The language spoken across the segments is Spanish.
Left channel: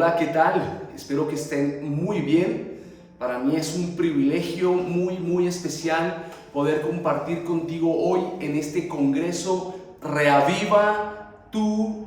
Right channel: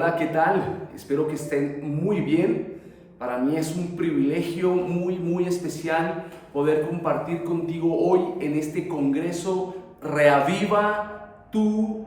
Hola, ¿qué tal? Espero que estén muy bien. Para mí es un privilegio muy especial poder compartir contigo hoy en este congreso Reaviva tu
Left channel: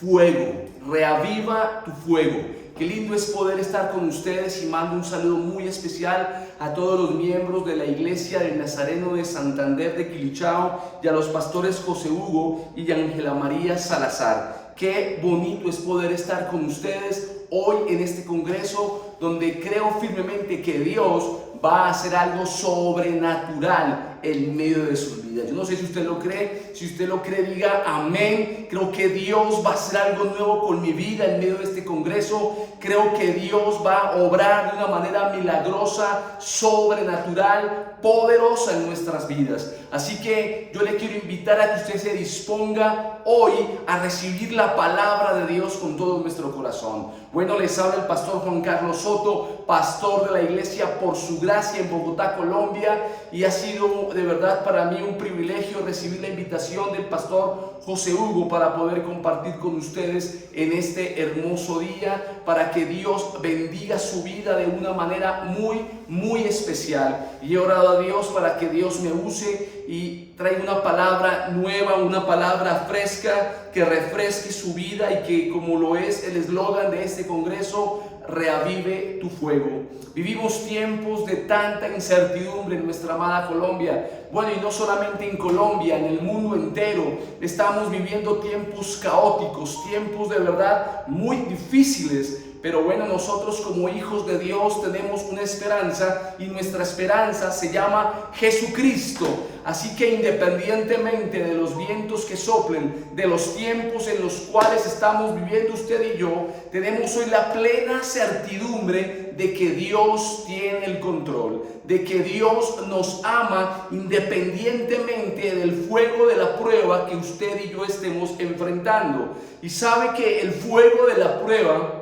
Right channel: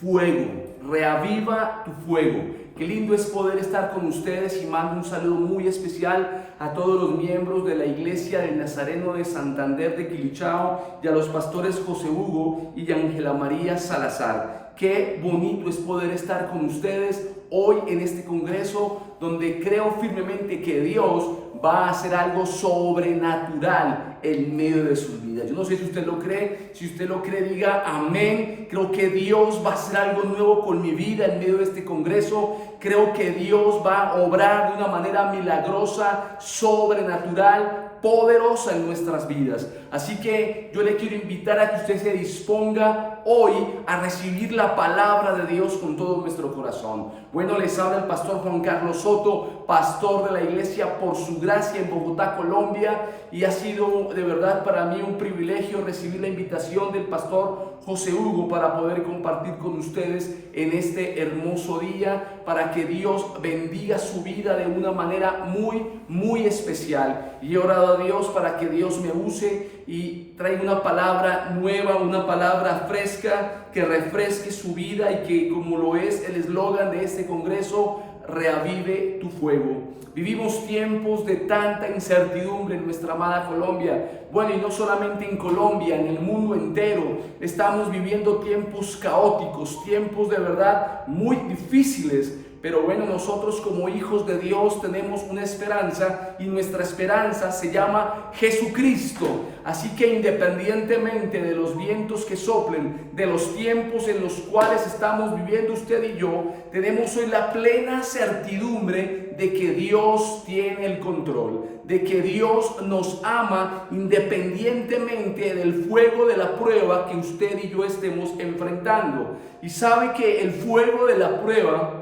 fuego. Reaviva tu fuego. Qué lindo es poder estar con ustedes y mando un saludo muy especial a todos los miembros de la Iglesia del Nazareno de Santander de Quilichao y a los pastores José Hugo y Ángela María Salazar. Qué bonito es poder estar con ustedes hoy en este congreso donde creo firmemente que Dios va a hacer algo sobrenatural en medio de sus vidas. Yo no sé si usted lo cree. Si usted lo cree, diga amén. Creo que Dios va a hacer algo nuevo con mi vida en medio de este congreso. Creo que Dios va a obrar de una manera milagrosa, sobrenatural, poderosa en nuestras vidas. Así que yo le quiero invitar a que usted se disponga hoy a recibir la palabra de Dios con todo nuestro corazón. Bueno, les habla el pastor Juan Carlos Soto, pastor de la iglesia Por Su Gracia en Bogotá, Colombia, y ha sido de verdad para mí un privilegio recibir la invitación del pastor José Hugo para poder compartir con ustedes en este hermoso día, para que Dios bendiga su vida de una manera muy especial. Y he orado a Dios para que Dios me use y traiga una palabra nueva, una palabra fresca que refresque su vida y que, como lo es el eslogan de este congreso, reavive tu fuego. Vivimos tiempos de tanta incertidumbre en nuestra amada Colombia. Bueno, y no solamente en Colombia, en el mundo entero estamos viviendo tiempos caóticos, tiempos de verdad muy difíciles. Pero bueno, nosotros como hijos de Dios tenemos una esperanza y nuestra esperanza se llama Jesucristo. Así que independientemente de los vientos que soplen, de los tiempos en los cuales estamos viviendo usted y yo, tenemos hoy la plena certidumbre de que Dios tiene el control, de que Dios nos ama independientemente del fuego de la prueba que usted y yo estemos enfrentando. Y sabe que el fuego de la prueba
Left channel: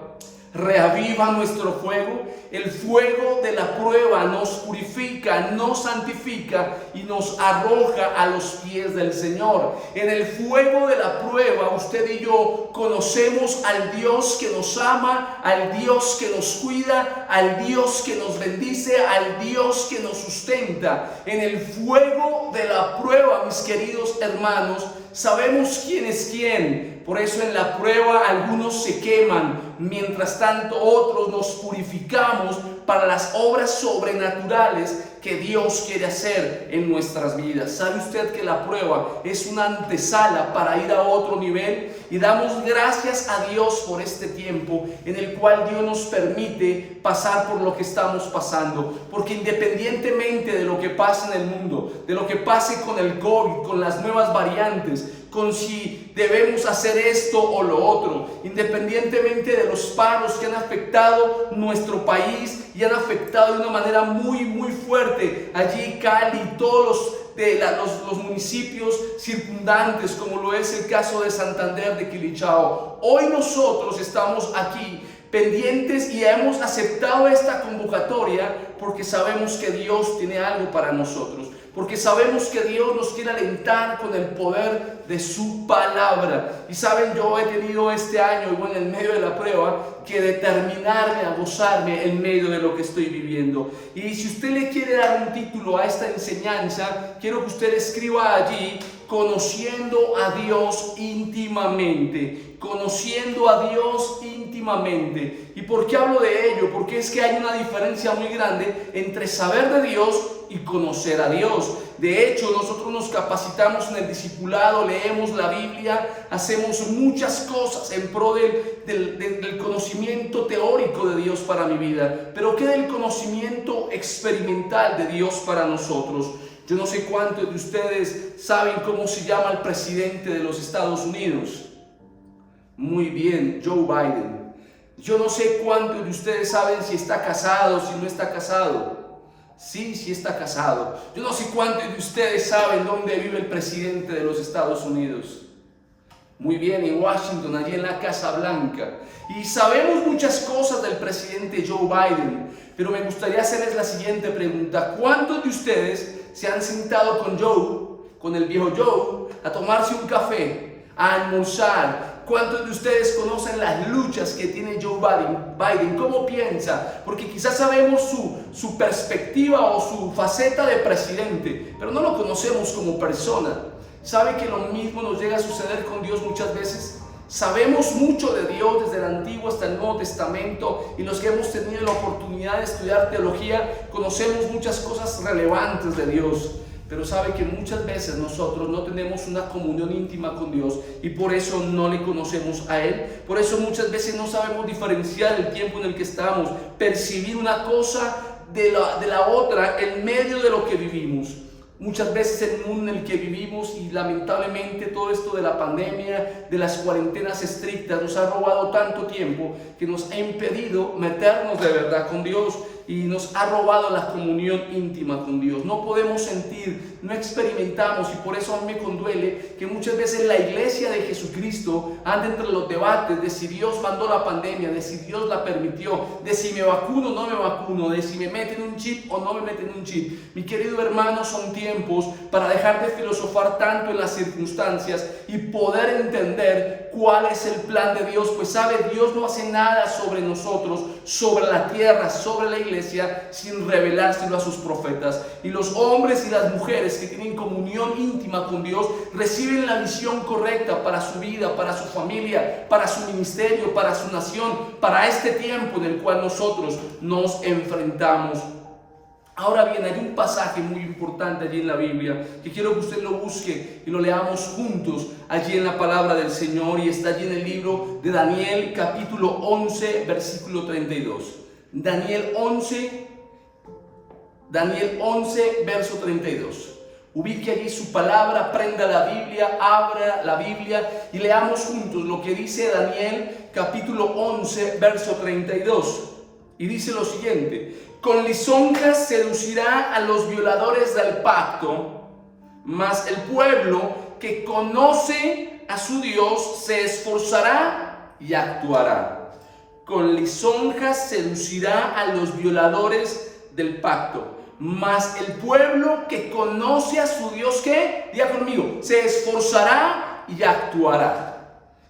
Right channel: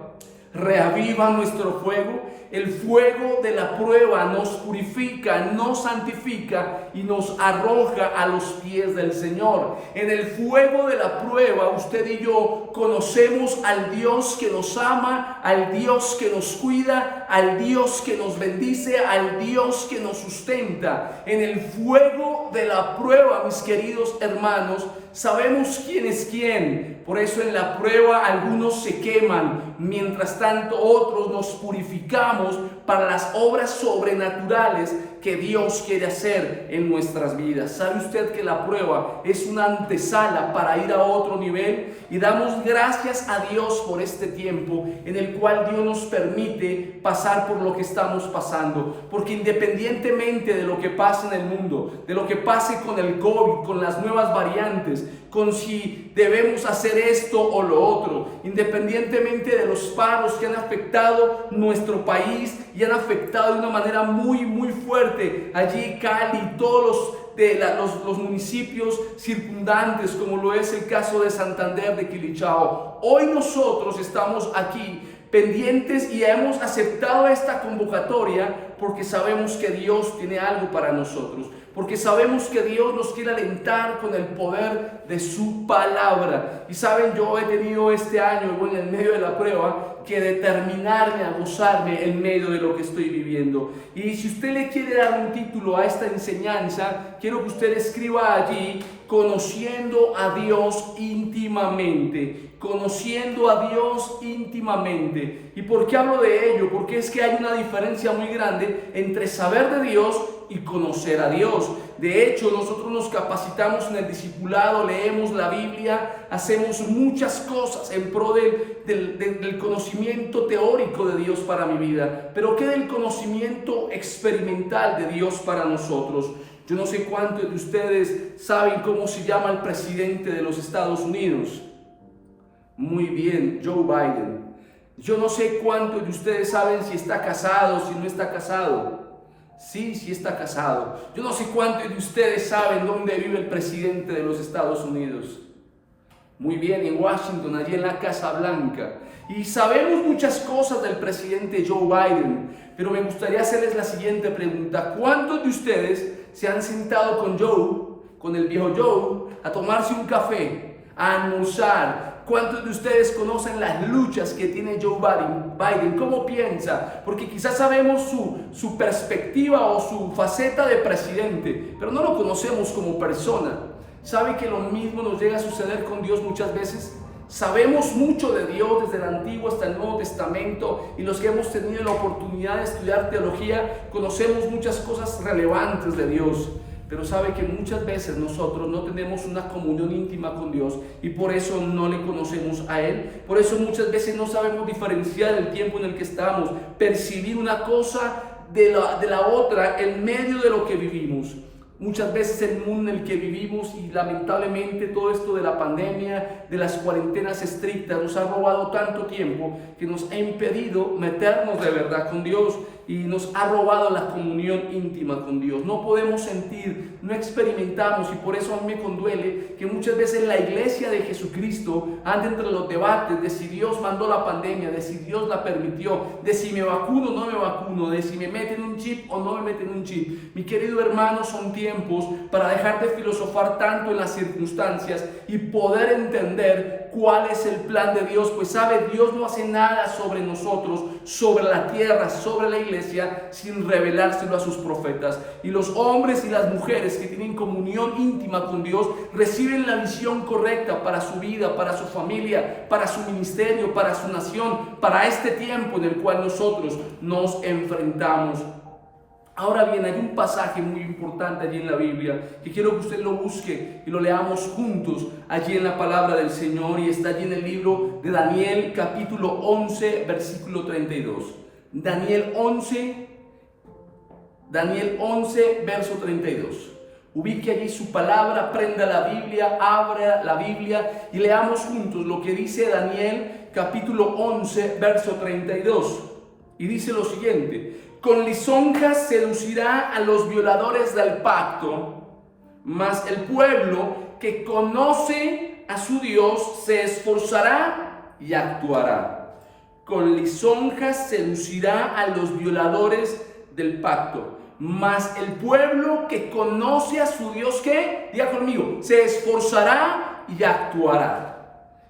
reaviva nuestro fuego. El fuego de la prueba nos purifica, nos santifica y nos arroja a los pies del Señor. En el fuego de la prueba, usted y yo conocemos al Dios que nos ama, al Dios que nos cuida, al Dios que nos bendice, al Dios que nos sustenta. En el fuego de la prueba, mis queridos hermanos, sabemos quién es quién. Por eso en la prueba algunos se queman, mientras tanto otros nos purificamos para las obras sobrenaturales que Dios quiere hacer en nuestras vidas. ¿Sabe usted que la prueba es una antesala para ir a otro nivel? Y damos gracias a Dios por este tiempo en el cual Dios nos permite pasar por lo que estamos pasando. Porque independientemente de lo que pase en el mundo, de lo que pase con el COVID, con las nuevas variantes, con si debemos hacer esto o lo otro, independientemente de los paros que han afectado nuestro país y han afectado de una manera muy fuerte allí Cali, todos los municipios circundantes, como lo es el caso de Santander de Quilichao. Hoy nosotros estamos aquí pendientes y hemos aceptado esta convocatoria porque sabemos que Dios tiene algo para nosotros, porque sabemos que Dios nos quiere alentar con el poder de su palabra. Y saben, yo he tenido este año, y bueno, en medio de la prueba, que determinarme a gozarme en medio de lo que estoy viviendo. Y si usted le quiere dar un título a esta enseñanza, quiero que usted escriba allí: conociendo a Dios íntimamente. Conociendo a Dios íntimamente. ¿Y por qué hablo de ello? Porque es que hay una diferencia muy grande entre saber de Dios y conocer a Dios. De hecho, nosotros nos capacitamos en el discipulado, leemos la Biblia, hacemos muchas cosas en pro del conocimiento teórico de Dios para mi vida. Pero ¿qué del conocimiento experimental de Dios para nosotros? Yo no sé cuántos de ustedes saben cómo se llama el presidente de los Estados Unidos. Muy bien, Joe Biden. Yo no sé cuántos de ustedes saben si está casado, si no está casado. Sí está casado. Yo no sé cuántos de ustedes saben dónde vive el presidente de los Estados Unidos. Muy bien, en Washington, allí en la Casa Blanca. Y sabemos muchas cosas del presidente Joe Biden, pero me gustaría hacerles la siguiente pregunta: ¿cuántos de ustedes se han sentado con el viejo Joe, a tomarse un café, a almorzar. ¿Cuántos de ustedes conocen las luchas que tiene Joe Biden? ¿Cómo piensa? Porque quizás sabemos su perspectiva o su faceta de presidente, pero no lo conocemos como persona. ¿Sabe que lo mismo nos llega a suceder con Dios muchas veces? Sabemos mucho de Dios desde el Antiguo hasta el Nuevo Testamento, y los que hemos tenido la oportunidad de estudiar teología conocemos muchas cosas relevantes de Dios. Pero sabe que muchas veces nosotros no tenemos una comunión íntima con Dios y por eso no le conocemos a Él. Por eso muchas veces no sabemos diferenciar el tiempo en el que estamos, percibir una cosa de la otra en medio de lo que vivimos. Muchas veces el mundo en el que vivimos, y lamentablemente todo esto de la pandemia, de las cuarentenas estrictas, nos ha robado tanto tiempo que nos ha impedido meternos de verdad con Dios y nos ha robado la comunión íntima con Dios. No podemos sentir, no experimentamos, y por eso a mí me conduele que muchas veces la iglesia de Jesucristo anda entre los debates de si Dios mandó la pandemia, de si Dios la permitió, de si me vacuno o no me vacuno, de si me meten un chip o no me meten un chip. Mi querido hermano, son tiempos para dejar de filosofar tanto en las circunstancias y poder entender cuál es el plan de Dios. Pues sabe, Dios no hace nada sobre nosotros, sobre la tierra, sobre la iglesia, sin revelárselo a sus profetas. Y los hombres y las mujeres que tienen comunión íntima con Dios reciben la visión correcta para su vida, para su familia, para su ministerio, para su nación, para este tiempo en el cual nosotros nos enfrentamos. Ahora bien, hay un pasaje muy importante allí en la Biblia que quiero que usted lo busque y lo leamos juntos allí en la palabra del Señor, y está allí en el libro de Daniel, capítulo 11, versículo 32. Daniel 11, verso 32. Ubique allí su palabra, prenda la Biblia, abra la Biblia y leamos juntos lo que dice Daniel, capítulo 11, verso 32. Y dice lo siguiente: con lisonjas seducirá a los violadores del pacto, mas el pueblo que conoce a su Dios se esforzará y actuará. Con lisonjas seducirá a los violadores del pacto, mas el pueblo que conoce a su Dios, ¿qué? Diga conmigo, se esforzará y actuará.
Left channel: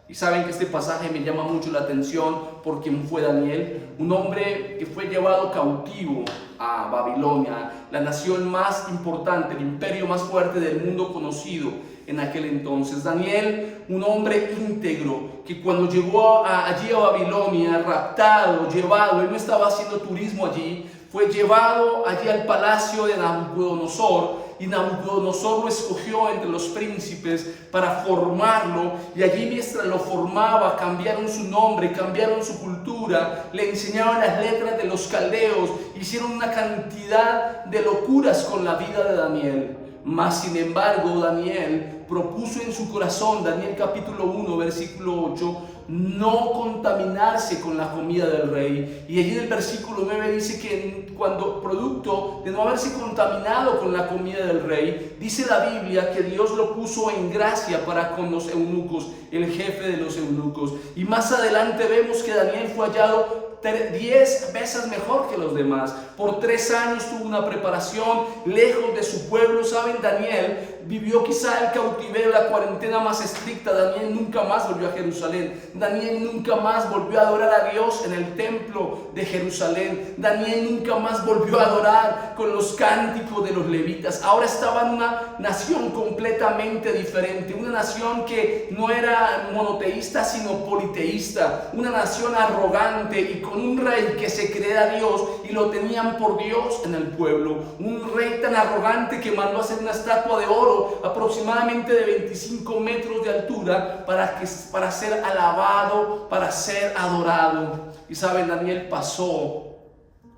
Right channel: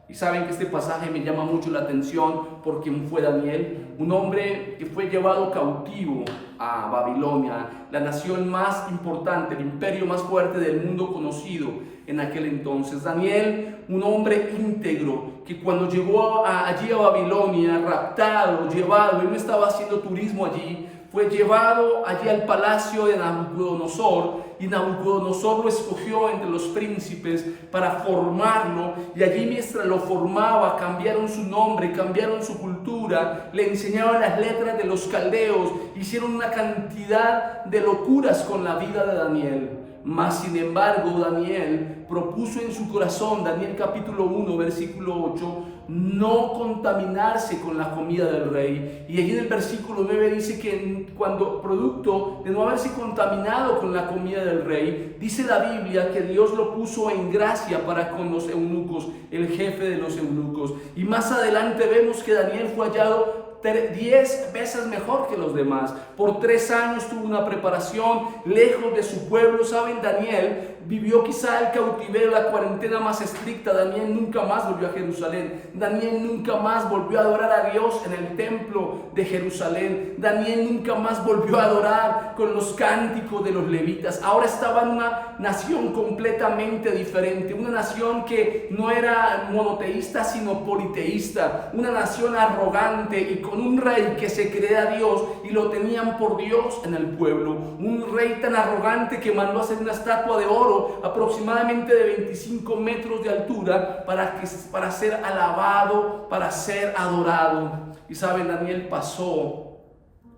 Y saben que este pasaje me llama mucho la atención por quien fue Daniel, un hombre que fue llevado cautivo a Babilonia, la nación más importante, el imperio más fuerte del mundo conocido en aquel entonces. Daniel, un hombre íntegro, que cuando llegó allí a Babilonia, raptado, llevado, él no estaba haciendo turismo allí, fue llevado allí al palacio de Nabucodonosor, y Nabucodonosor lo escogió entre los príncipes para formarlo, y allí mientras lo formaba cambiaron su nombre, cambiaron su cultura, le enseñaron las letras de los caldeos, hicieron una cantidad de locuras con la vida de Daniel. Mas sin embargo Daniel propuso en su corazón, Daniel capítulo 1 versículo 8, no contaminarse con la comida del rey. Y allí en el versículo 9 dice que cuando producto de no haberse contaminado con la comida del rey, dice la Biblia que Dios lo puso en gracia para con los eunucos, el jefe de los eunucos. Y más adelante vemos que Daniel fue hallado 10 veces mejor que los demás. Por 3 años tuvo una preparación lejos de su pueblo. Saben, Daniel vivió quizá el cautiverio, la cuarentena más estricta. Daniel nunca más volvió a Jerusalén. Daniel nunca más volvió a adorar a Dios en el templo de Jerusalén. Daniel nunca más volvió a adorar con los cánticos de los levitas. Ahora estaba en una nación completamente diferente, una nación que no era monoteísta sino politeísta, una nación arrogante y con un rey que se creía Dios y lo tenían por Dios en el pueblo. Un rey tan arrogante que mandó a hacer una estatua de oro aproximadamente de 25 metros de altura para ser alabado, para ser adorado. Y saben, Daniel pasó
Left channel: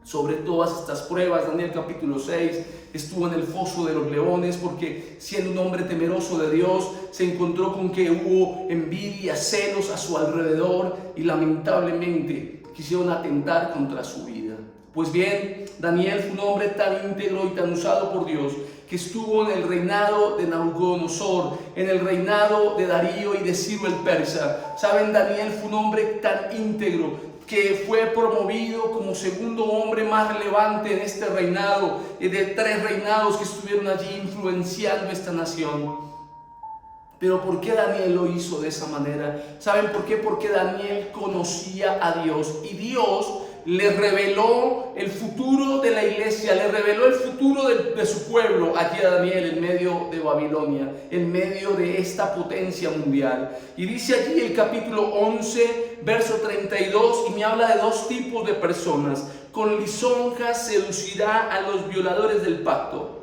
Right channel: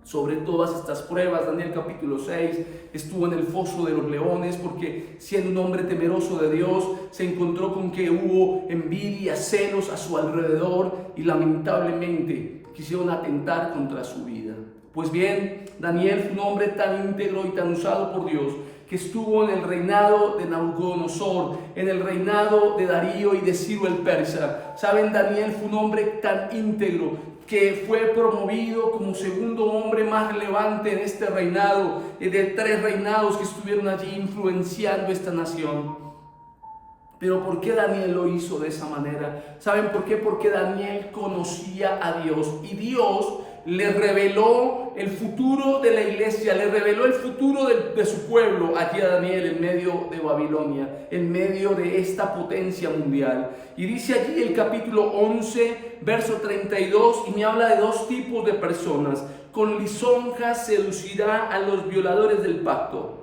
sobre todas estas pruebas. Daniel capítulo 6 estuvo en el foso de los leones porque, siendo un hombre temeroso de Dios, se encontró con que hubo envidia, celos a su alrededor y lamentablemente quisieron atentar contra su vida. Pues bien, Daniel fue un hombre tan íntegro y tan usado por Dios que estuvo en el reinado de Nabucodonosor, en el reinado de Darío y de Ciro el persa. Saben, Daniel fue un hombre tan íntegro que fue promovido como segundo hombre más relevante en este reinado, de 3 reinados que estuvieron allí influenciando esta nación. Pero ¿por qué Daniel lo hizo de esa manera? ¿Saben por qué? Porque Daniel conocía a Dios y Dios le reveló el futuro de la iglesia, le reveló el futuro de su pueblo aquí a Daniel en medio de Babilonia, en medio de esta potencia mundial. Y dice allí el capítulo 11, verso 32, y me habla de dos tipos de personas. Con lisonjas seducirá a los violadores del pacto.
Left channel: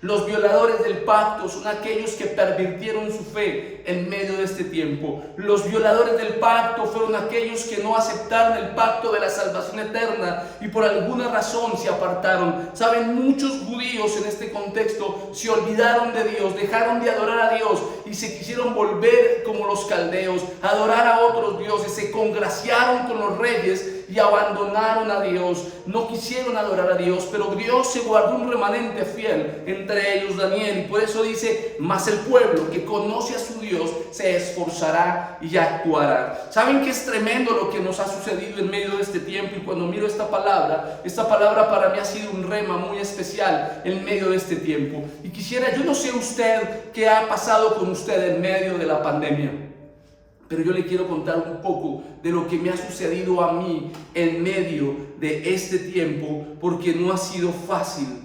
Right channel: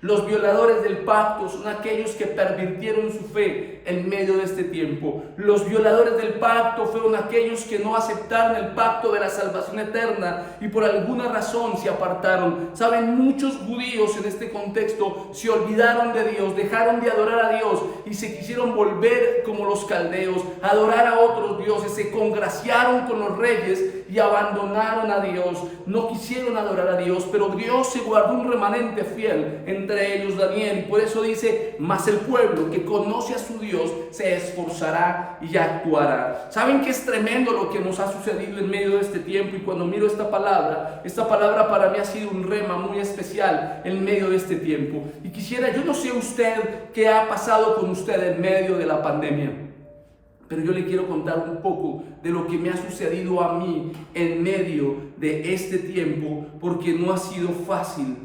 Los violadores del pacto son aquellos que pervirtieron su fe en medio de este tiempo. Los violadores del pacto fueron aquellos que no aceptaron el pacto de la salvación eterna y por alguna razón se apartaron. Saben, muchos judíos en este contexto se olvidaron de Dios, dejaron de adorar a Dios y se quisieron volver como los caldeos, adorar a otros dioses, se congraciaron con los reyes y abandonaron a Dios. No quisieron adorar a Dios, pero Dios se guardó un remanente fiel, entre ellos Daniel, y por eso dice: mas el pueblo que conoce a su Dios se esforzará y actuará. ¿Saben que es tremendo lo que nos ha sucedido en medio de este tiempo? Y cuando miro esta palabra para mí ha sido un rema muy especial en medio de este tiempo. Y quisiera, yo no sé usted qué ha pasado con usted en medio de la pandemia, pero yo le quiero contar un poco de lo que me ha sucedido a mí en medio de este tiempo, porque no ha sido fácil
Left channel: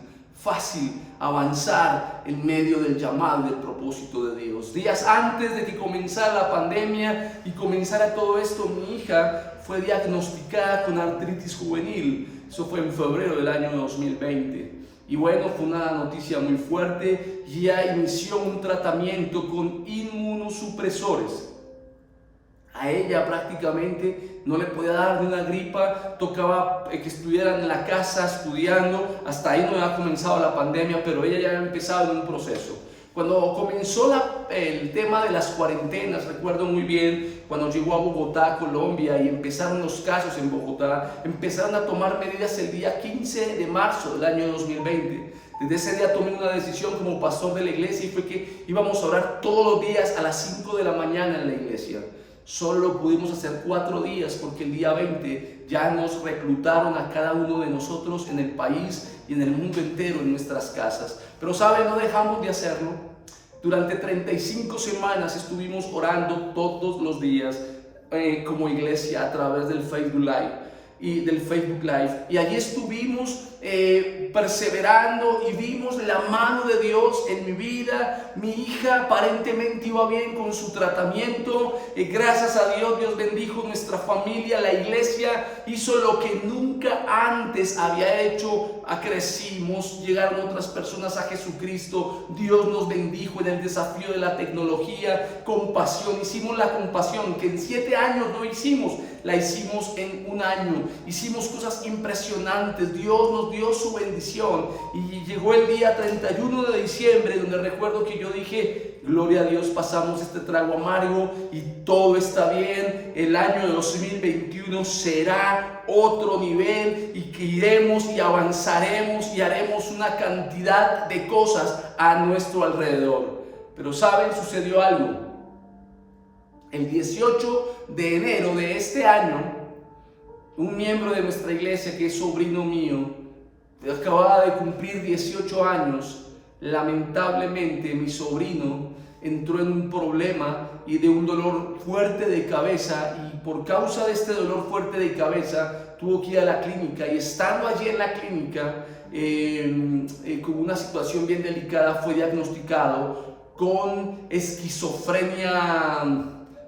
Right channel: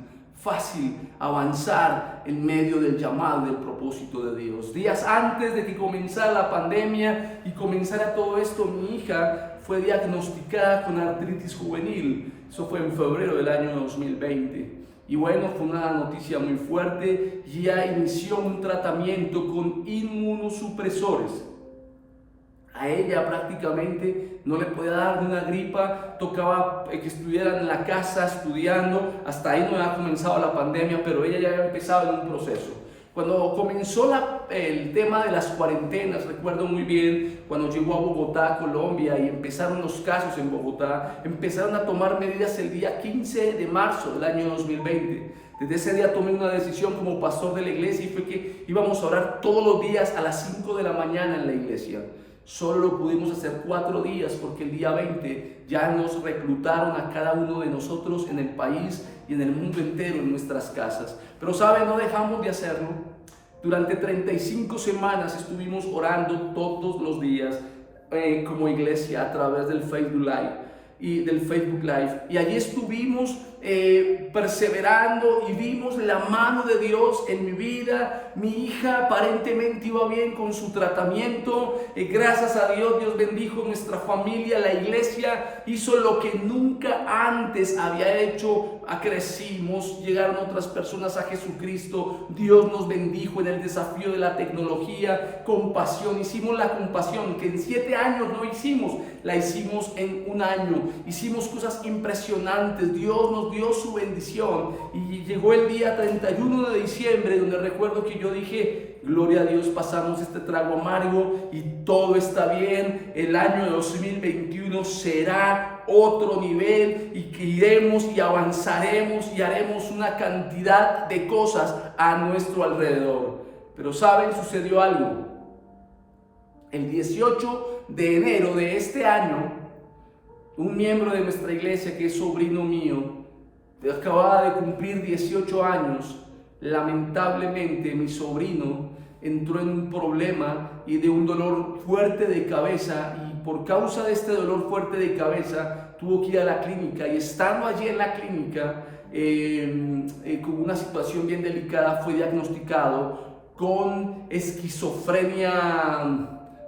avanzar en medio del llamado, del propósito de Dios. Días antes de que comenzara la pandemia y comenzara todo esto, mi hija fue diagnosticada con artritis juvenil. Eso fue en febrero del año 2020. Y bueno, fue una noticia muy fuerte. Ya inició un tratamiento con inmunosupresores. A ella prácticamente no le podía dar ni una gripa, tocaba que estuvieran en la casa estudiando. Hasta ahí no había comenzado la pandemia, pero ella ya había empezado en un proceso. Cuando comenzó el tema de las cuarentenas, recuerdo muy bien, cuando llegó a Bogotá, Colombia, y empezaron los casos en Bogotá, empezaron a tomar medidas el día 15 de marzo del año 2020. Desde ese día tomé una decisión como pastor de la iglesia y fue que íbamos a orar todos los días a las 5 de la mañana en la iglesia. Solo lo pudimos hacer 4 días porque el día 20 ya nos reclutaron a cada uno de nosotros en el país y en el mundo entero en nuestras casas. Pero ¿saben? No dejamos de hacerlo. Durante 35 semanas estuvimos orando todos los días como iglesia a través del Facebook Live. Y allí estuvimos perseverando y vimos la mano de Dios en mi vida. Mi hija aparentemente iba bien con su tratamiento. Gracias a Dios, Dios bendijo nuestra familia. La iglesia hizo lo que nunca antes había hecho. Crecimos, llegaron otras personas a Jesucristo. Dios nos bendijo en el desafío de la tecnología. Compasión, hicimos la compasión que en 7 años no hicimos, la hicimos en 1 año. Hicimos cosas impresionantes. Dios nos dio su bendición y llegó el día 31 de diciembre donde recuerdo que yo dije: gloria a Dios, pasamos este trago amargo y todo está bien. El año 2021 será otro nivel y que iremos y avanzaremos y haremos una cantidad de cosas a nuestro alrededor. Pero ¿saben? Sucedió algo. El 18 de enero de este año, un miembro de nuestra iglesia, que es sobrino mío, acababa de cumplir 18 años. Lamentablemente mi sobrino entró en un problema y de un dolor fuerte de cabeza, y por causa de este dolor fuerte de cabeza tuvo que ir a la clínica, y estando allí en la clínica con una situación bien delicada fue diagnosticado con esquizofrenia,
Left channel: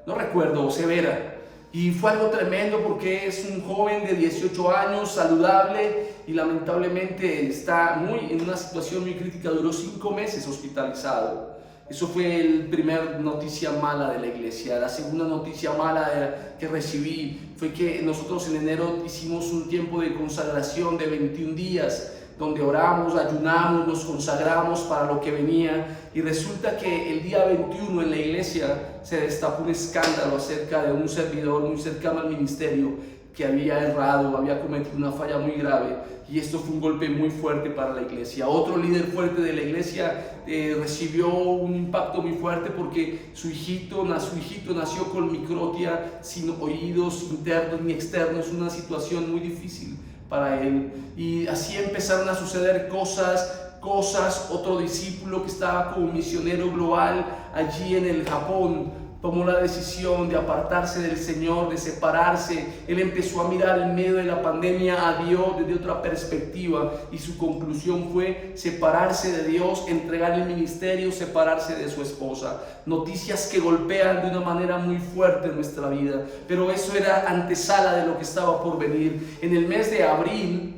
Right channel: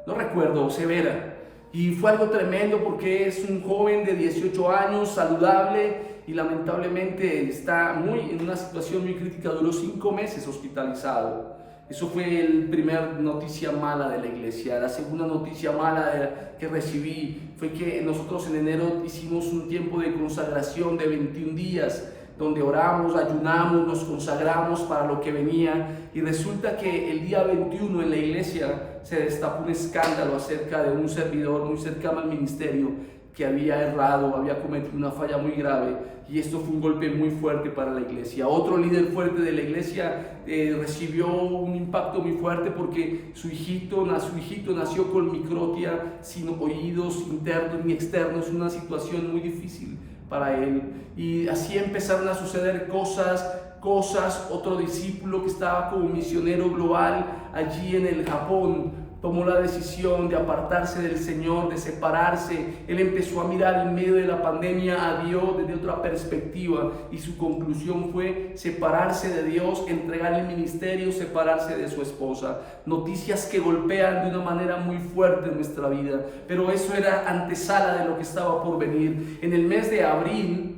no recuerdo, severa. Y fue algo tremendo porque es un joven de 18 años, saludable, y lamentablemente está en una situación muy crítica. Duró 5 meses hospitalizado. Eso fue la primera noticia mala de la iglesia. La segunda noticia mala que recibí fue que nosotros en enero hicimos un tiempo de consagración de 21 días, donde oramos, ayunamos, nos consagramos para lo que venía, y resulta que el día 21 en la iglesia se destapó un escándalo acerca de un servidor muy cercano al ministerio que había errado, había cometido una falla muy grave, y esto fue un golpe muy fuerte para la iglesia. Otro líder fuerte de la iglesia recibió un impacto muy fuerte porque su hijito nació con microtia, sin oídos internos ni externos, una situación muy difícil para él. Y así empezaron a suceder cosas cosas. Otro discípulo que estaba como misionero global allí en el Japón tomó la decisión de apartarse del Señor, de separarse. Él empezó a mirar en medio de la pandemia a Dios desde otra perspectiva y su conclusión fue separarse de Dios, entregar el ministerio, separarse de su esposa. Noticias que golpean de una manera muy fuerte en nuestra vida, pero eso era antesala de lo que estaba por venir. En el mes de abril,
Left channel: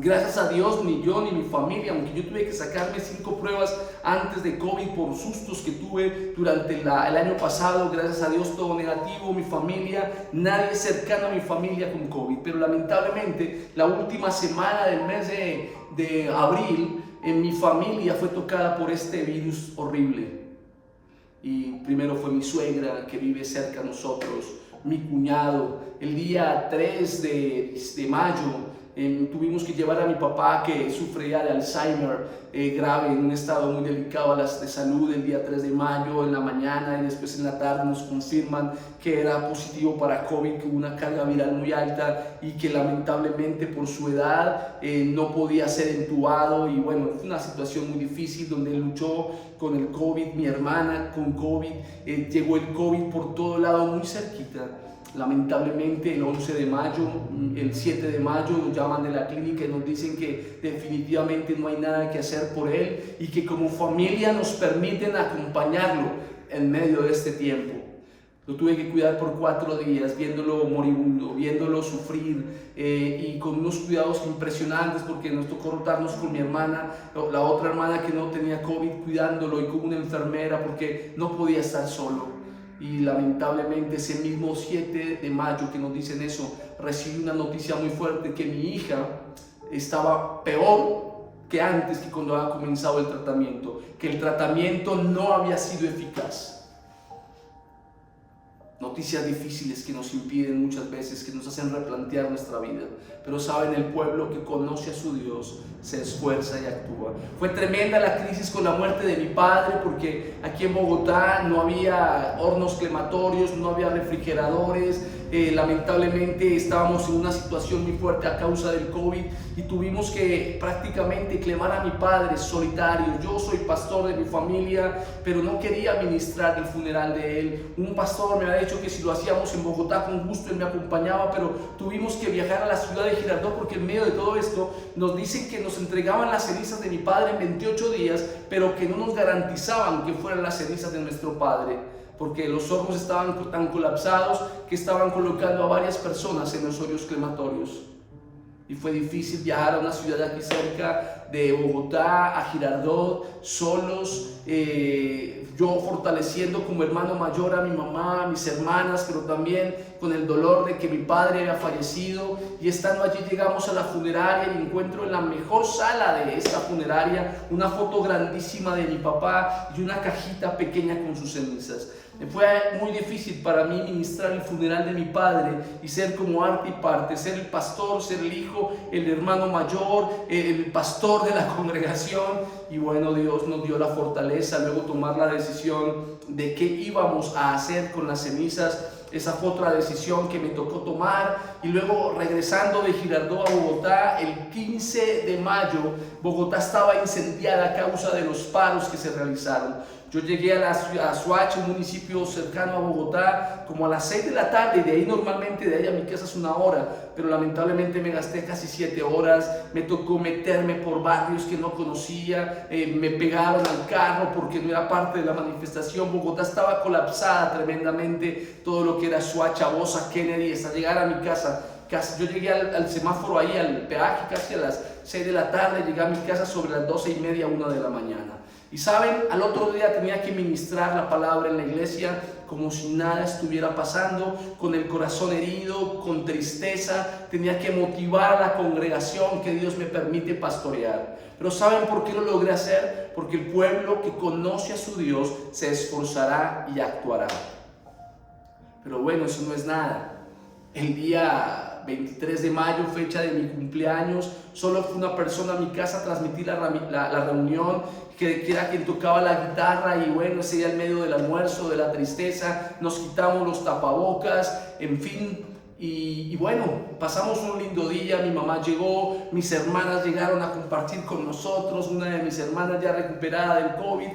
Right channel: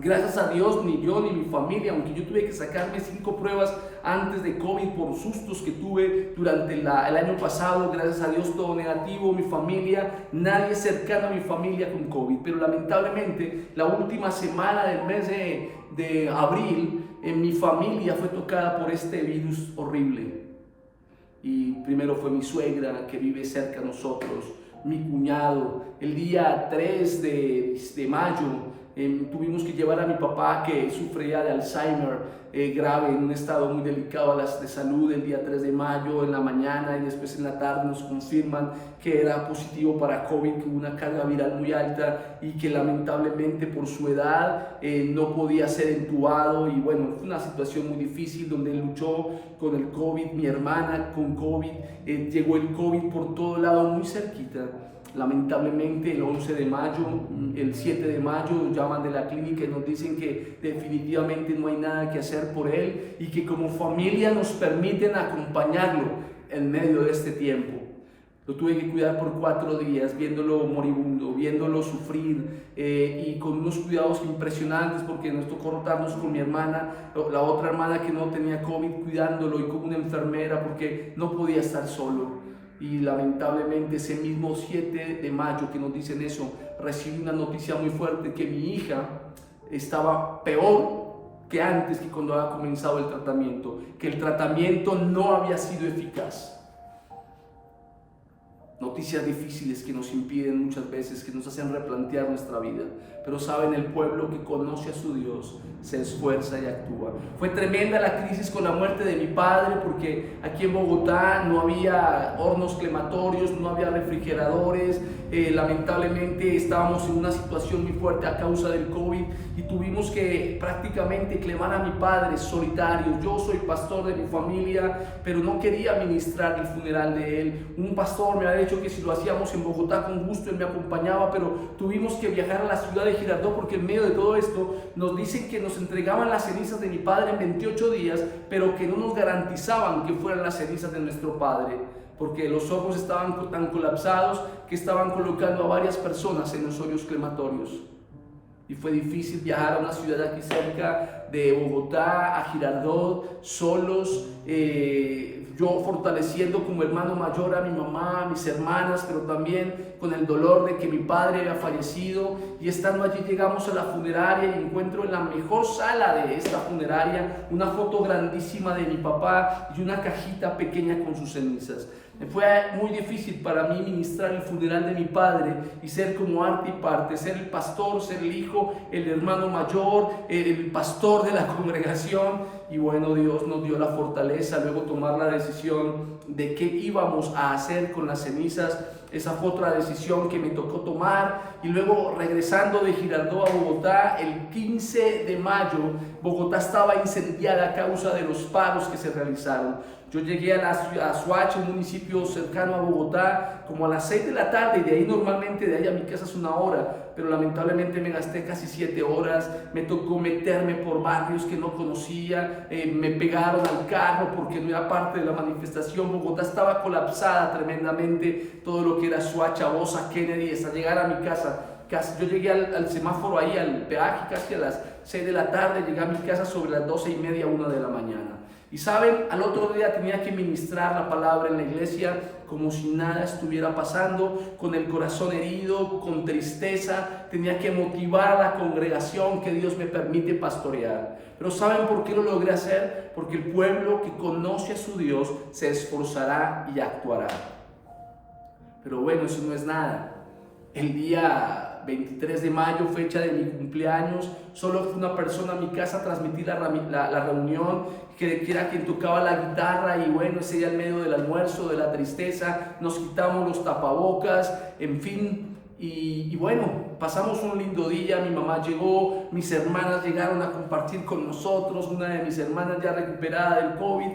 gracias a Dios, ni yo ni mi familia, aunque yo tuve que sacarme 5 pruebas antes de COVID por sustos que tuve durante el año pasado, gracias a Dios todo negativo, mi familia, nadie cercano a mi familia con COVID, pero lamentablemente la última semana del mes de abril, mi familia fue tocada por este virus horrible. Y primero fue mi suegra, que vive cerca de nosotros, mi cuñado. El día 3 de mayo tuvimos que llevar a mi papá, que sufre ya de Alzheimer grave, en un estado muy delicado de salud. El día 3 de mayo en la mañana y después en la tarde nos confirman que era positivo para COVID, que hubo una carga viral muy alta y que lamentablemente por su edad no podía ser entubado. Y bueno, fue una situación muy difícil donde él luchó con el COVID, mi hermana con COVID, llegó el COVID por todo lado muy cerquita. Lamentablemente el 11 de mayo, el 7 de mayo nos llaman de la clínica y nos dicen que definitivamente no hay nada que hacer por él y que como familia nos permiten acompañarlo en medio de este tiempo. Lo tuve que cuidar por 4 días, viéndolo moribundo, viéndolo sufrir y con unos cuidados impresionantes, porque nos tocó rotarnos con mi hermana, la otra hermana que no tenía COVID, cuidándolo, y con una enfermera porque no podía estar solo. Y lamentablemente ese mismo 7 de mayo que nos dicen eso, recibí una noticia muy fuerte, que mi hija estaba peor que antes, que cuando había comenzado el tratamiento, que el tratamiento no había sido eficaz. Noticias difíciles que nos impiden muchas veces, que nos hacen replantear nuestra vida. Pero saben, el pueblo que conoce a su Dios se esfuerza y actúa. Fue tremenda la crisis con la muerte de mi padre, porque aquí en Bogotá no había hornos crematorios, no había refrigeradores. Lamentablemente estábamos en una situación muy fuerte a causa del COVID y tuvimos que prácticamente clemar a mi padre solitario. Yo soy pastor de mi familia, pero no quería ministrar el funeral de él. Un pastor me ha dicho que si lo hacíamos en Bogotá, con gusto él me acompañaba, pero tuvimos que viajar a la ciudad de Girardot, porque en medio de todo esto nos dicen que nos entregaban las cenizas de mi padre en 28 días, pero que no nos garantizaban que fueran las cenizas de nuestro padre, porque los hornos estaban tan colapsados que estaban colocando a varias personas en los hornos crematorios. Y fue difícil viajar a una ciudad aquí cerca de Bogotá, a Girardot, solos, yo fortaleciendo como hermano mayor a mi mamá, a mis hermanas, pero también con el dolor de que mi padre había fallecido. Y estando allí llegamos a la funeraria y encuentro en la mejor sala de esta funeraria una foto grandísima de mi papá y una cajita pequeña con sus cenizas. Fue muy difícil para mí ministrar el funeral de mi padre y ser como arte y parte, ser el pastor, ser el hijo, el hermano mayor, el pastor de la congregación. Y bueno, Dios nos dio la fortaleza, luego tomar la decisión de qué íbamos a hacer con las cenizas. Esa fue otra decisión que me tocó tomar. Y luego, regresando de Girardot a Bogotá, el 15 de mayo, Bogotá estaba incendiada a causa de los paros que se realizaron. Yo llegué a Soacha, un municipio cercano a Bogotá, como a las 6 de la tarde, y de ahí normalmente, de ahí a mi casa es 1 hora, pero lamentablemente me gasté casi 7 horas, me tocó meterme por barrios que no conocía, me pegaron al carro porque no era parte de la manifestación. Bogotá estaba colapsada tremendamente, todo lo que era Soacha, Bosa, Kennedy, hasta llegar a mi casa. Yo llegué al semáforo ahí, al peaje, casi a las 6 de la tarde, llegué a mi casa sobre las 12:30, 1 de la mañana. Y saben, al otro día tenía que ministrar la palabra en la iglesia como si nada estuviera pasando, con el corazón herido, con tristeza. Tenía que motivar a la congregación que Dios me permite pastorear. Pero ¿saben por qué lo logré hacer? Porque el pueblo que conoce a su Dios se esforzará y actuará. Pero bueno, eso no es nada. El día 23 de mayo, fecha de mi cumpleaños, solo fue una persona a mi casa a transmitir la reunión, que era quien tocaba la guitarra. Y bueno, ese día en medio del almuerzo, de la tristeza, nos quitamos los tapabocas, en fin, Y bueno, pasamos un lindo día, mi mamá llegó, mis hermanas llegaron a compartir con nosotros, una de mis hermanas ya recuperada del COVID,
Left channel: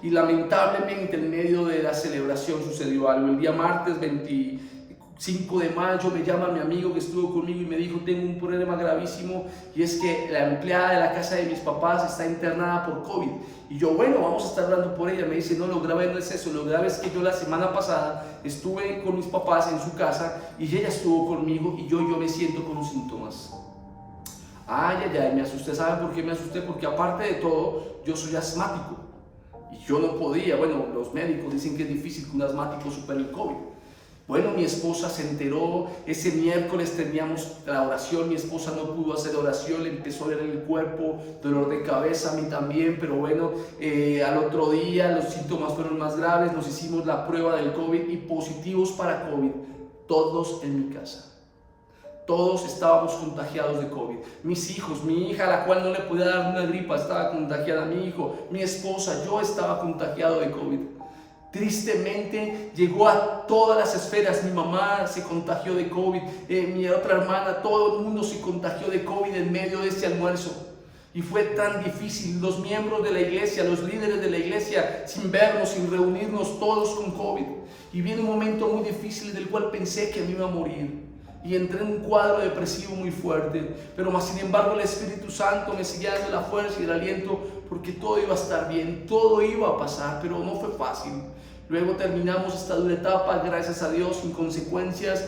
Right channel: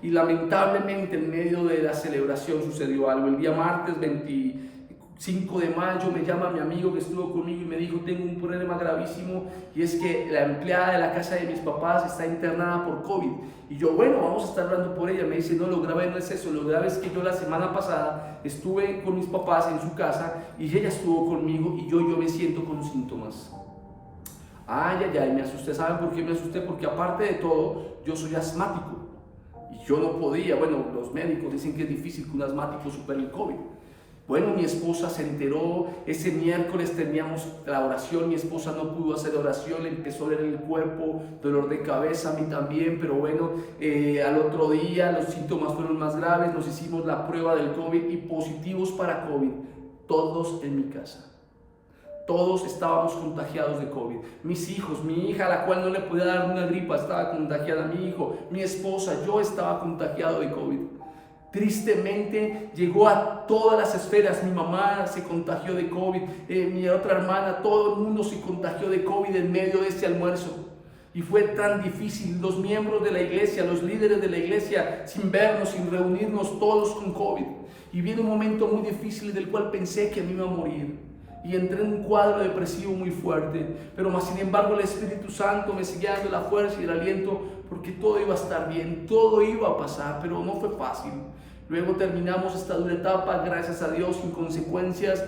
y lamentablemente en medio de la celebración sucedió algo. El día martes 25 de mayo me llama mi amigo que estuvo conmigo y me dijo: tengo un problema gravísimo, y es que la empleada de la casa de mis papás está internada por COVID. Y yo, bueno, vamos a estar hablando por ella. Me dice: no, lo grave no es eso, lo grave es que yo la semana pasada estuve con mis papás en su casa y ella estuvo conmigo y yo me siento con síntomas. Ay, me asusté. ¿Saben por qué me asusté? Porque aparte de todo, yo soy asmático y yo no podía. Bueno, los médicos dicen que es difícil que un asmático supere el COVID. Bueno, mi esposa se enteró, ese miércoles teníamos la oración, mi esposa no pudo hacer oración, le empezó a ver el cuerpo, dolor de cabeza, a mí también, pero bueno, al otro día los síntomas fueron más graves, nos hicimos la prueba del COVID y positivos para COVID, todos en mi casa. Todos estábamos contagiados de COVID. Mis hijos, mi hija, a la cual no le podía dar una gripa, estaba contagiada, mi hijo, mi esposa, yo estaba contagiado de COVID. Tristemente llegó a todas las esferas. Mi mamá se contagió de COVID, mi otra hermana, todo el mundo se contagió de COVID en medio de este almuerzo. Y fue tan difícil, los miembros de la iglesia, los líderes de la iglesia, sin vernos, sin reunirnos, todos con COVID. Y viene un momento muy difícil del cual pensé que me iba a morir. Y entré en un cuadro depresivo muy fuerte, pero más sin embargo el Espíritu Santo me seguía dando la fuerza y el aliento, porque todo iba a estar bien, todo iba a pasar, pero no fue fácil. Luego terminamos esta dura etapa, gracias a Dios, sin consecuencias.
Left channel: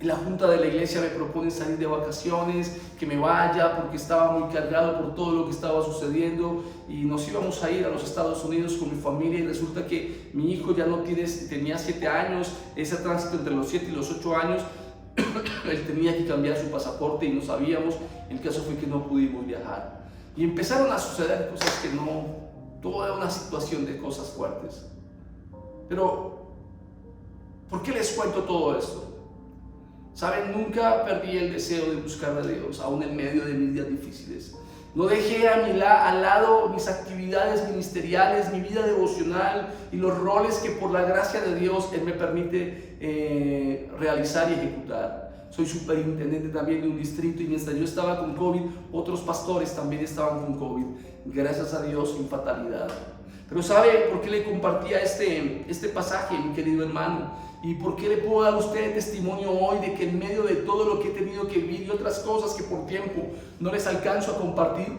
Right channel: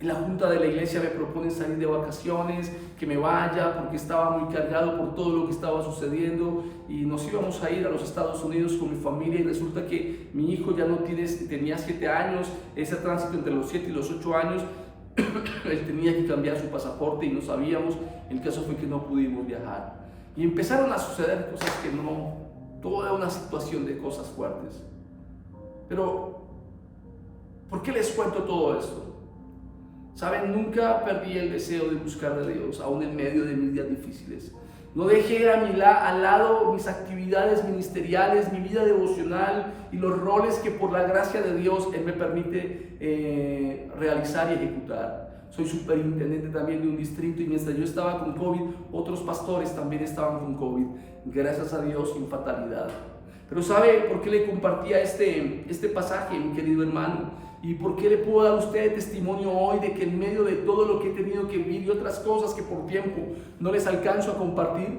La junta de la iglesia me propone salir de vacaciones, que me vaya porque estaba muy cargado por todo lo que estaba sucediendo, y nos íbamos a ir a los Estados Unidos con mi familia, y resulta que mi hijo ya no tenía 7 años, ese tránsito entre los 7 y los 8 años, él tenía que cambiar su pasaporte y no sabíamos. El caso fue que no pudimos viajar y empezaron a suceder cosas que no, toda una situación de cosas fuertes. Pero, ¿por qué les cuento todo esto? Saben, nunca perdí el deseo de buscar a Dios, aún en medio de mis días difíciles. No dejé al lado mis actividades ministeriales, mi vida devocional y los roles que por la gracia de Dios Él me permite realizar y ejecutar. Soy superintendente también de un distrito, y mientras yo estaba con COVID, otros pastores también estaban con COVID. Gracias a Dios, sin fatalidad. Pero ¿sabe por qué le compartía este pasaje, mi querido hermano? ¿Y por qué le puedo dar a usted testimonio hoy de que en medio de todo lo que he tenido que vivir y otras cosas que por tiempo no les alcanzo a compartir?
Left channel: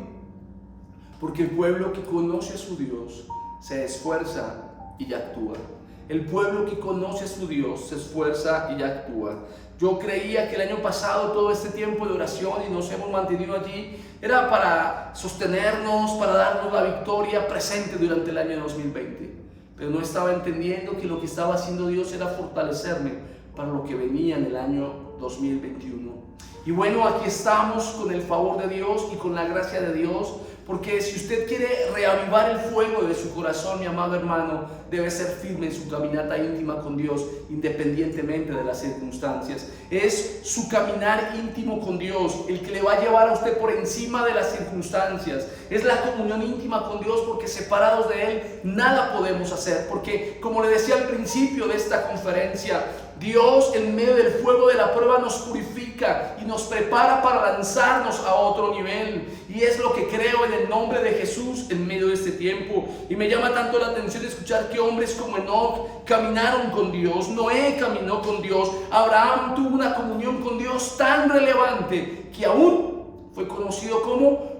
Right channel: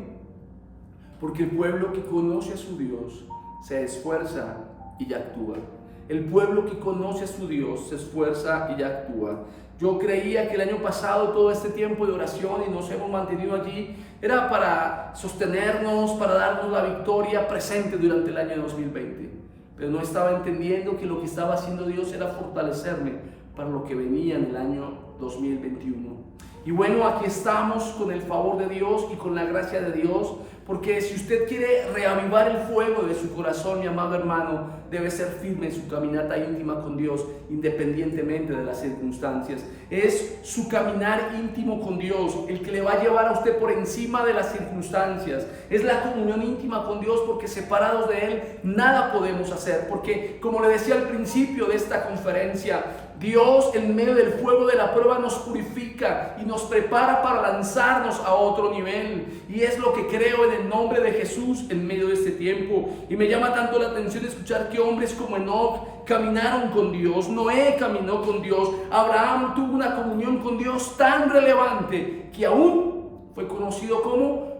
Porque el pueblo que conoce a su Dios se esfuerza y actúa. El pueblo que conoce a su Dios se esfuerza y actúa. Yo creía que el año pasado todo este tiempo de oración y nos hemos mantenido allí era para sostenernos, para darnos la victoria presente durante el año 2020. Pero no estaba entendiendo que lo que estaba haciendo Dios era fortalecerme para lo que venía en el año 2021. Y bueno, aquí estamos con el favor de Dios y con la gracia de Dios, porque si usted quiere reavivar el fuego de su corazón, mi amado hermano, debe ser firme en su caminata íntima con Dios, independientemente de las circunstancias. Es su caminar íntimo con Dios el que le va a llevar a usted por encima de las circunstancias. Es la comunión íntima con Dios, porque separados de Él nada podemos hacer. Porque, como le decía al principio de esta conferencia, Dios en medio del fuego de la prueba nos purifica y nos prepara para lanzarnos a otro nivel. Y es lo que creo en el nombre de Jesús en medio de este tiempo. Y me llama tanto la atención escuchar que hombres como Enoc caminaron con Dios, Noé caminó con Dios, Abraham tuvo una comunión con Dios tan relevante que aún fue conocido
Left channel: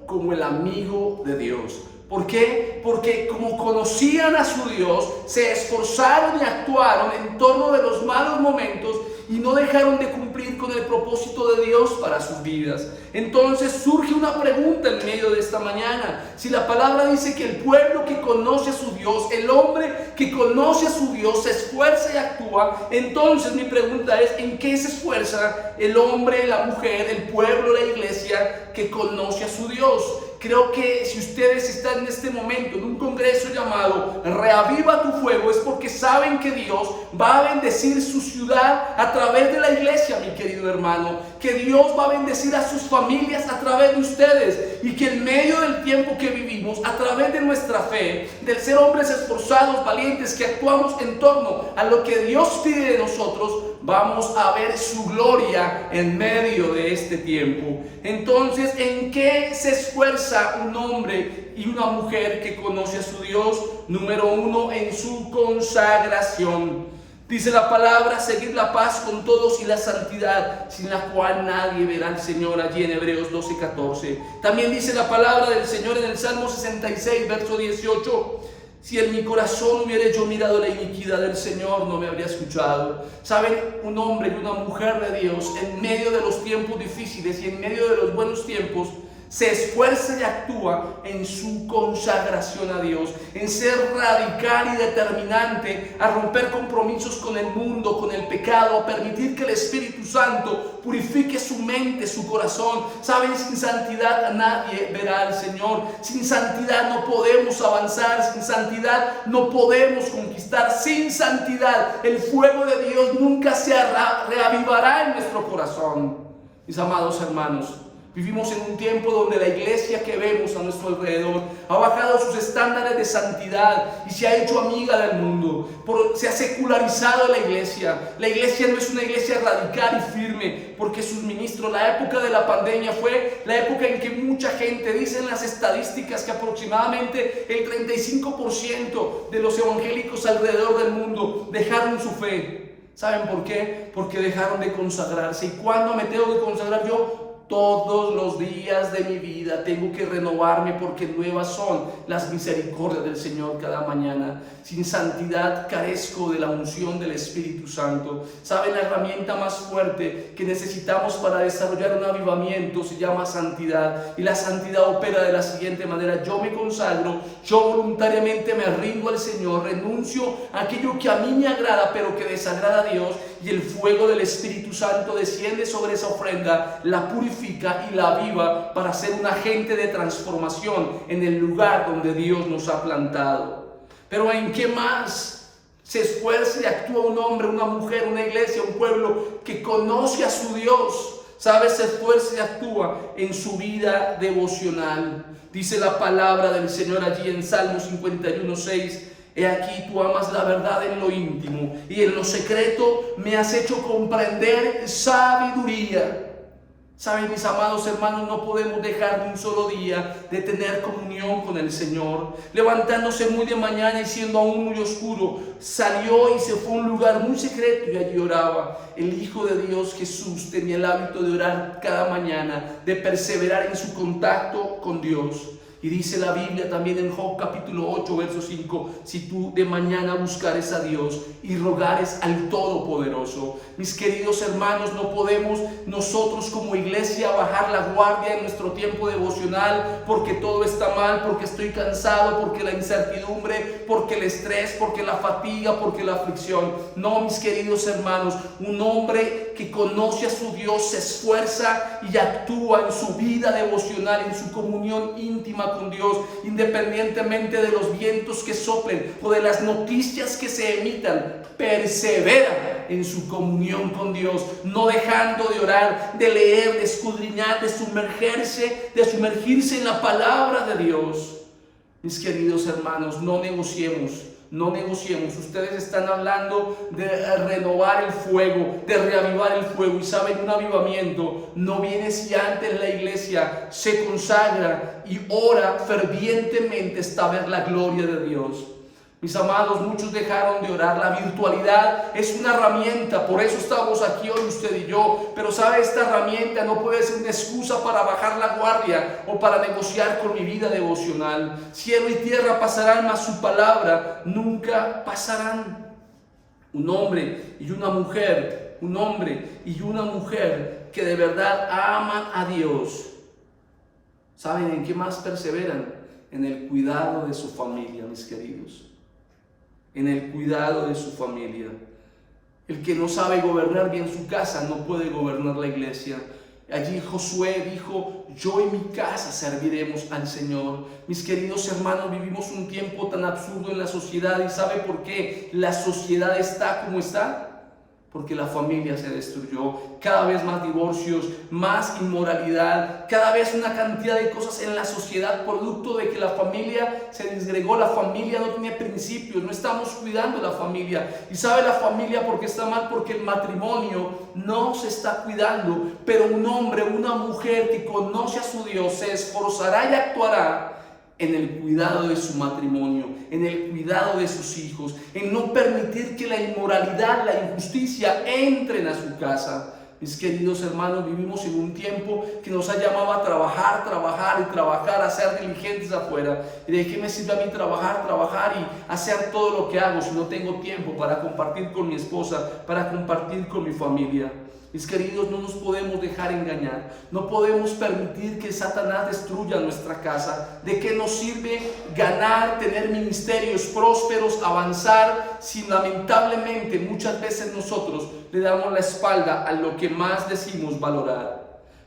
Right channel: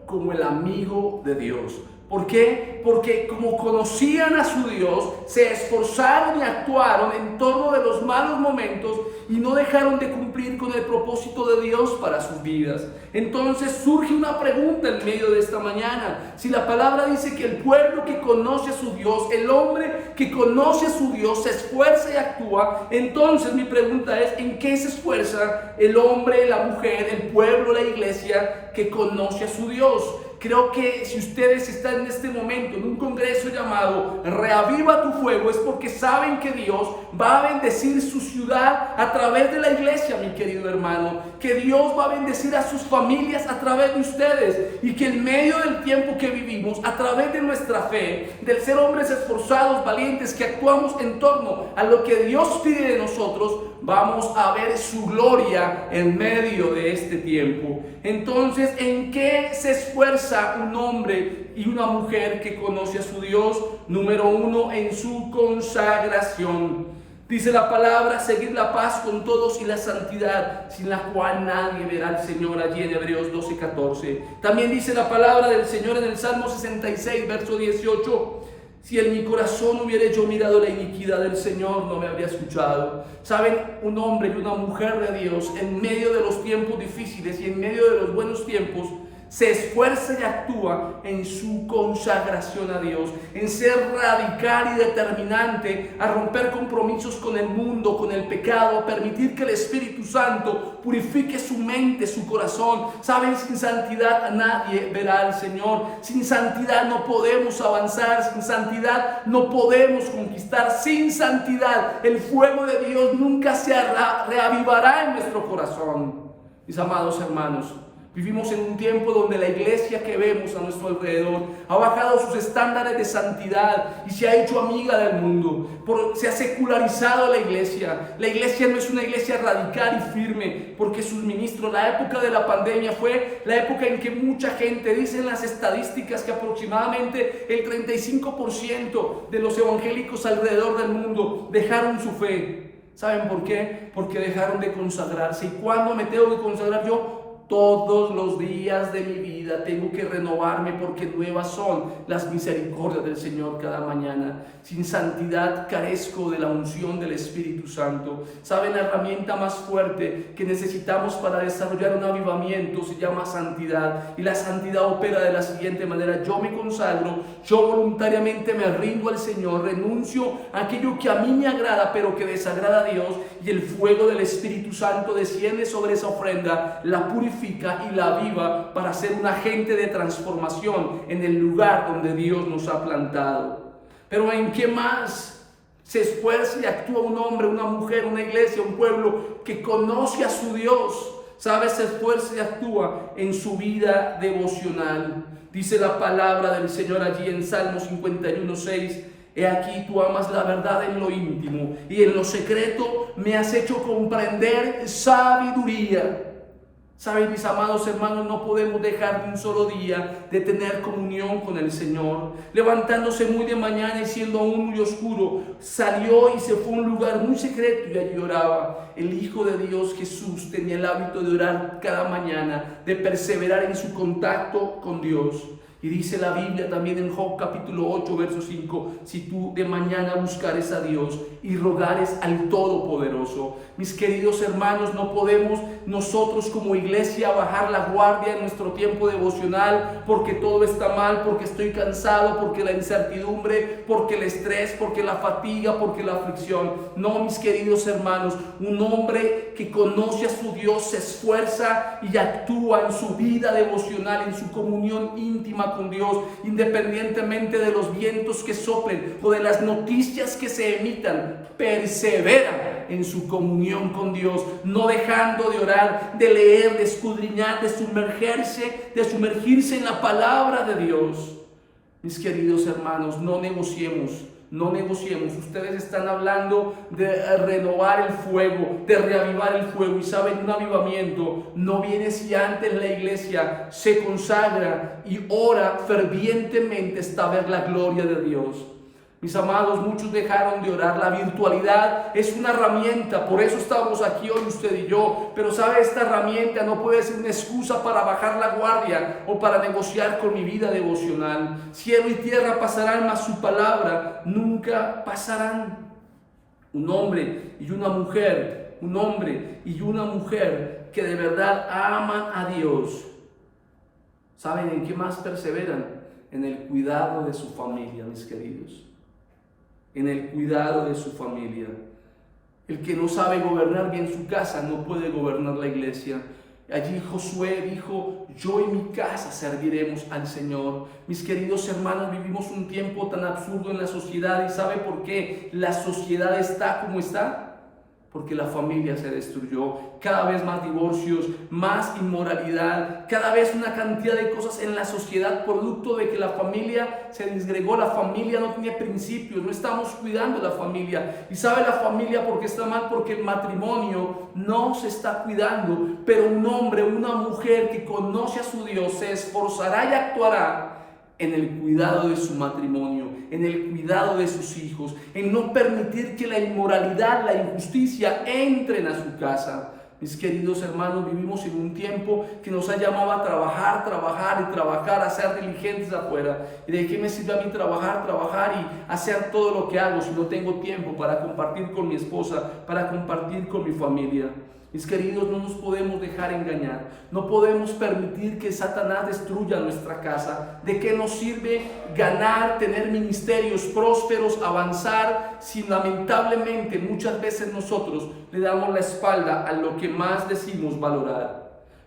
como el amigo de Dios. ¿Por qué? Porque como conocían a su Dios, se esforzaron y actuaron en torno de los malos momentos y no dejaron de cumplir con el propósito de Dios para sus vidas. Entonces surge una pregunta en medio de esta mañana. Si la palabra dice que el pueblo que conoce a su Dios, el hombre que conoce a su Dios, se esfuerza y actúa, entonces mi pregunta es: ¿en qué se esfuerza el hombre, la mujer, el pueblo, la iglesia que conoce a su Dios? Creo que si ustedes están en este momento en un congreso llamado Reaviva tu Fuego, es porque saben que Dios va a bendecir su ciudad a través de la iglesia, mi querido hermano. Que Dios va a bendecir a sus familias a través de ustedes. Y que en medio del tiempo que vivimos, a través de nuestra fe, del ser hombres esforzados, valientes, que actuamos en torno a lo que Dios pide de nosotros, vamos a ver su gloria en medio de este tiempo. Entonces, ¿en qué se esfuerza un hombre y una mujer que conoce a su Dios? Número uno, en su consagración. Dice la palabra, seguid la paz con todos y la santidad, sin la cual nadie verá al Señor, allí en Hebreos 12:14. También dice la palabra del Señor en el Salmo 66, verso 18. Si en mi corazón hubiera yo mirado la iniquidad del Señor, no me habría escuchado. Saben, un hombre y una mujer de Dios, en medio de los tiempos difíciles y en medio de los buenos tiempos, se esfuerza y actúa en su consagración a Dios, en ser radical y determinante, a romper compromisos con el mundo, con el pecado, a permitir que el Espíritu Santo purifique su mente, su corazón. Saben, sin santidad nadie verá al Señor. Sin santidad no podemos avanzar, sin santidad no podemos conquistar. Sin santidad el fuego de Dios nunca se reavivará en nuestro corazón. Mis amados hermanos, vivimos en un tiempo donde la iglesia que vemos a nuestro alrededor ha bajado sus estándares de santidad y se ha hecho amiga del mundo. Se ha secularizado la iglesia. La iglesia no es una iglesia radical y firme porque sus ministros, la época de la pandemia fue la época en que mucha gente, dicen las estadísticas que aproximadamente el 35% de los evangélicos alrededor del mundo dejaron su fe. ¿Saben por qué? Porque dejaron de consagrarse. ¿Y cuándo me tengo que consagrar yo? Todos los días de mi vida tengo que renovarme, porque nuevas son las misericordias del Señor cada mañana. Sin santidad carezco de la unción del Espíritu Santo. ¿Saben? La herramienta más fuerte que necesitamos para desarrollar un avivamiento se llama santidad. Y la santidad opera de la siguiente manera: yo me consagro, yo voluntariamente me rindo al Señor, renuncio a aquello que a mí me agrada pero que desagrada a Dios, y el fuego del Espíritu Santo desciende sobre esa ofrenda, la purifica y la aviva para ser un agente de transformación en el lugar donde Dios nos ha plantado. Pero ¿en qué más se esfuerza y actúa un hombre, una mujer, una iglesia, un pueblo que conoce a su Dios? ¿Sabes? Se esfuerza y actúa en su vida devocional. Dice la palabra del Señor allí en Salmo 51:6. He aquí, tú amas la verdad en lo íntimo, y en lo secreto me has hecho comprender sabiduría. Saben, mis amados hermanos, no podemos dejar de un solo día de tener comunión con el Señor. Levantándose muy de mañana y siendo aún muy oscuro, salió y se fue a un lugar muy secreto y allí oraba. El Hijo de Dios, Jesús, tenía el hábito de orar cada mañana, de perseverar en su contacto con Dios. Y dice la Biblia también en Job capítulo 8, verso 5, si tú de mañana buscares a Dios y rogares al Todopoderoso. Mis queridos hermanos, no podemos nosotros como iglesia bajar la guardia en nuestro tiempo devocional porque todo está mal, porque estoy cansado, porque la incertidumbre, porque el estrés, porque la fatiga, porque la aflicción. No, mis queridos hermanos, un hombre que conoce a su Dios se esfuerza y actúa en su vida devocional, en su comunión íntima con Dios, independientemente de los vientos que soplen o de las noticias que se emitan. Persevera en su comunión con Dios, no dejando de orar, de leer, de escudriñar, de sumergirse en la palabra de Dios. Mis queridos hermanos, no negociemos. Ustedes están hablando de renovar el fuego, de reavivar el fuego. Y saben, un avivamiento no viene si antes la iglesia se consagra y ora fervientemente hasta ver la gloria de Dios. Mis amados, muchos dejaron de orar. La virtualidad es una herramienta, por eso estamos aquí hoy usted y yo. Pero sabe, esta herramienta no puede ser una excusa para bajar la guardia o para negociar con mi vida devocional. Cielo y tierra pasarán, mas su palabra nunca pasarán. Un hombre y una mujer que de verdad aman a Dios, ¿saben en qué más perseveran? En el cuidado de su familia, mis queridos. En el cuidado de su familia. El que no sabe gobernar bien su casa no puede gobernar la iglesia. Allí Josué dijo: yo y mi casa serviremos al Señor. Mis queridos hermanos, vivimos un tiempo tan absurdo en la sociedad. ¿Y sabe por qué la sociedad está como está? porque la familia se destruyó. Cada vez más divorcios, más inmoralidad, cada vez una cantidad de cosas en la sociedad, producto de que la familia se disgregó, la familia no tiene principios, no estamos cuidando la familia. Y sabe la familia por qué está mal, porque el matrimonio no se está cuidando. Pero un hombre, una mujer que conoce a su Dios se esforzará y actuará en el cuidado de su matrimonio, en el cuidado de sus hijos, en no permitir que la inmoralidad, la injusticia entren a su casa. Mis queridos hermanos, vivimos en un tiempo que nos ha llamado a trabajar, a ser diligentes afuera. ¿Y de qué me sirve a mí trabajar y hacer todo lo que hago si no tengo tiempo para compartir con mi esposa, para compartir con mi familia? Mis queridos, no nos podemos dejar engañar. No podemos permitir que Satanás destruya nuestra casa. ¿De qué nos sirve ganar, tener ministerios prósperos, avanzar, si lamentablemente muchas veces nosotros le damos la espalda a lo que más decimos valorar?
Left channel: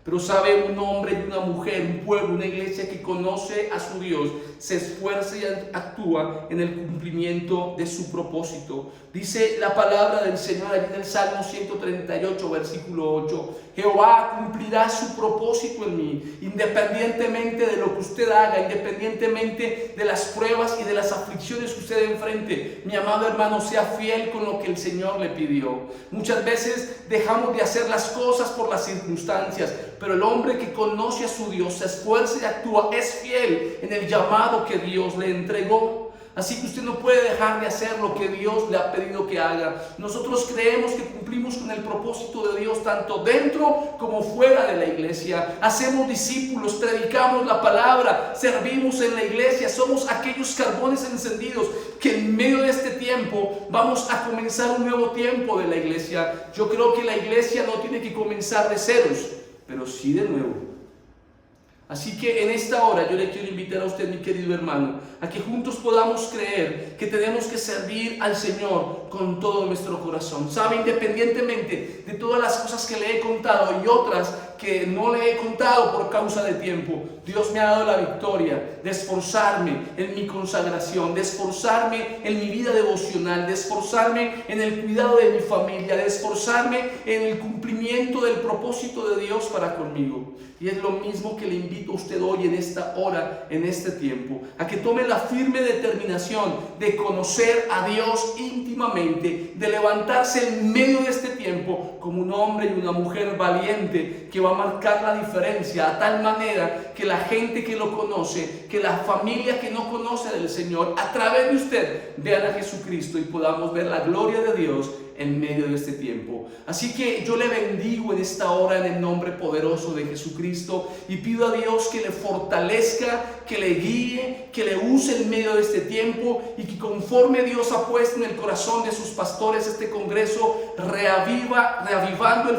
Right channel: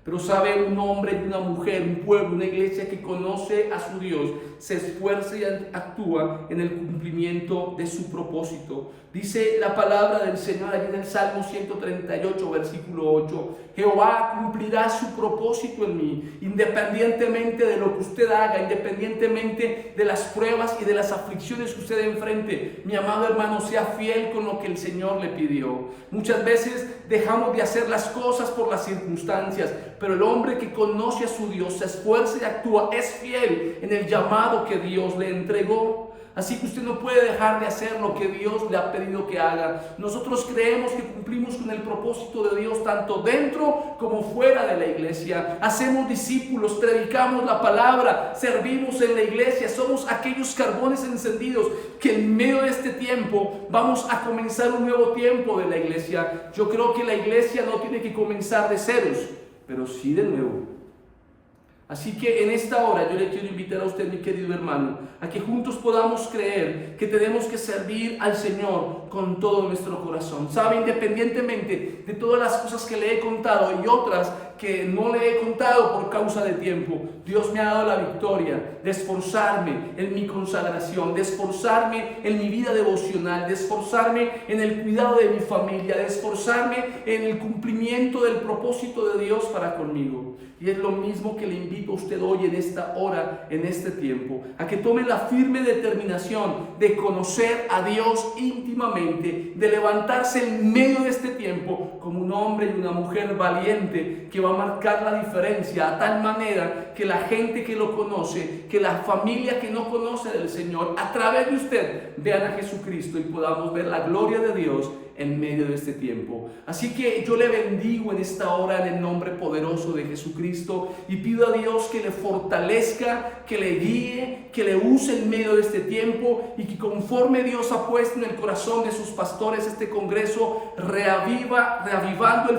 Pero sabe, un hombre y una mujer, un pueblo, una iglesia que conoce a su Dios, se esfuerza y actúa en el cumplimiento de su propósito. Dice la palabra del Señor allí en el Salmo 138, versículo 8. Jehová cumplirá su propósito en mí, independientemente de lo que usted haga, independientemente de las pruebas y de las aflicciones que usted enfrente. Mi amado hermano, sea fiel con lo que el Señor le pidió. Muchas veces dejamos de hacer las cosas por las circunstancias, pero el hombre que conoce a su Dios se esfuerza y actúa, es fiel en el llamado que Dios le entregó. Así que usted no puede dejar de hacer lo que Dios le ha pedido que haga. Nosotros creemos que cumplimos con el propósito de Dios tanto dentro como fuera de la iglesia. Hacemos discípulos, predicamos la palabra, servimos en la iglesia. Somos aquellos carbones encendidos que en medio de este tiempo vamos a comenzar un nuevo tiempo de la iglesia. Yo creo que la iglesia no tiene que comenzar de ceros, pero sí de nuevo. Así que en esta hora yo le quiero invitar a usted, mi querido hermano, a que juntos podamos creer que tenemos que servir al Señor con todo nuestro corazón. Sabe, independientemente de todas las cosas que le he contado y otras que no le he contado por causa de tiempo, Dios me ha dado la victoria de esforzarme en mi consagración, de esforzarme en mi vida devocional, de esforzarme en el cuidado de mi familia, de esforzarme en el cumplimiento del propósito de Dios para conmigo. Y es lo mismo que le invito a usted hoy en esta hora, en este tiempo, a que tome la firme determinación de conocer a Dios íntimamente, de levantarse en medio de este tiempo como un hombre y una mujer valiente que va a marcar la diferencia a tal manera que la gente que lo conoce, que la familia que no conoce del Señor, a través de usted vean a Jesucristo y podamos ver la gloria de Dios en medio de este tiempo. Así que yo le bendigo en esta hora en el nombre poderoso de Jesucristo y pido a Dios que le fortalezca, que le guíe, que le use en medio de este tiempo y que conforme Dios ha puesto en el corazón de sus pastores este congreso, reavivando el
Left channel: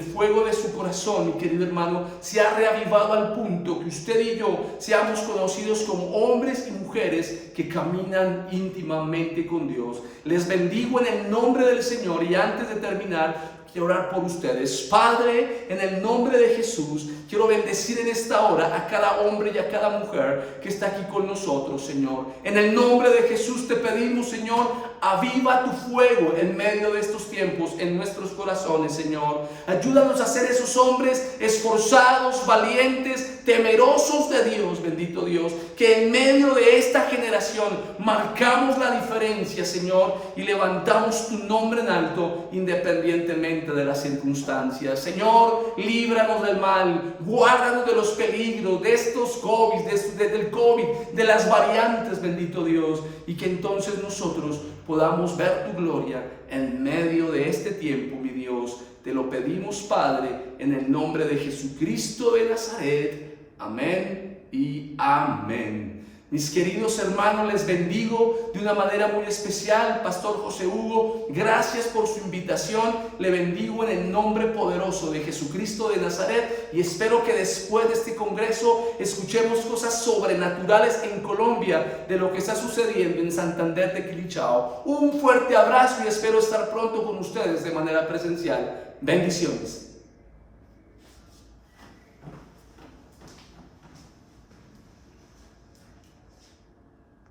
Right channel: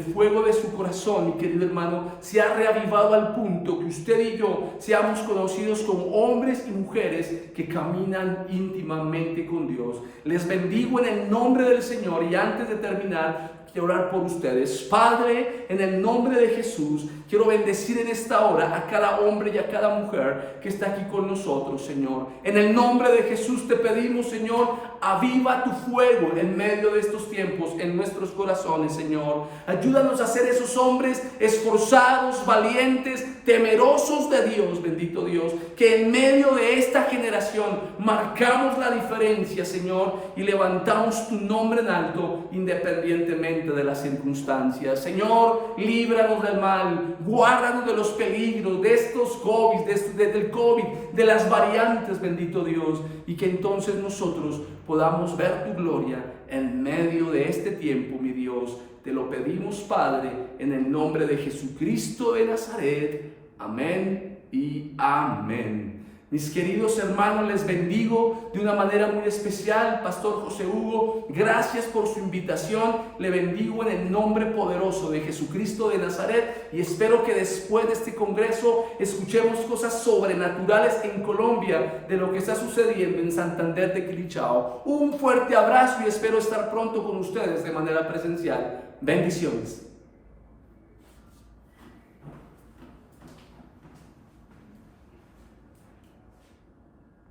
fuego de su corazón, mi querido hermano, se ha reavivado al punto que usted y yo seamos conocidos como hombres y mujeres que caminan íntimamente con Dios. Les bendigo en el nombre del Señor y antes de terminar quiero orar por ustedes. Padre, en el nombre de Jesús, quiero bendecir en esta hora a cada hombre y a cada mujer que está aquí con nosotros, Señor. En el nombre de Jesús te pedimos, Señor, aviva tu fuego en medio de estos tiempos en nuestros corazones, Señor. Ayúdanos a ser esos hombres esforzados, valientes, temerosos de Dios, bendito Dios, que en medio de esta generación marcamos la diferencia, Señor, y levantamos tu nombre en alto independientemente de las circunstancias. Señor, líbranos del mal, guárdanos de los peligros, de estos COVID, del COVID, de las variantes, bendito Dios, y que entonces nosotros podamos ver tu gloria en medio de este tiempo, mi Dios. Te lo pedimos, Padre, en el nombre de Jesucristo de Nazaret. Amén y amén. Mis queridos hermanos, les bendigo de una manera muy especial. Pastor José Hugo, gracias por su invitación. Le bendigo en el nombre poderoso de Jesucristo de Nazaret y espero que después de este congreso escuchemos cosas sobrenaturales en Colombia de lo que está sucediendo en Santander de Quilichao. Un fuerte abrazo y espero estar pronto con ustedes de manera presencial. Bendiciones.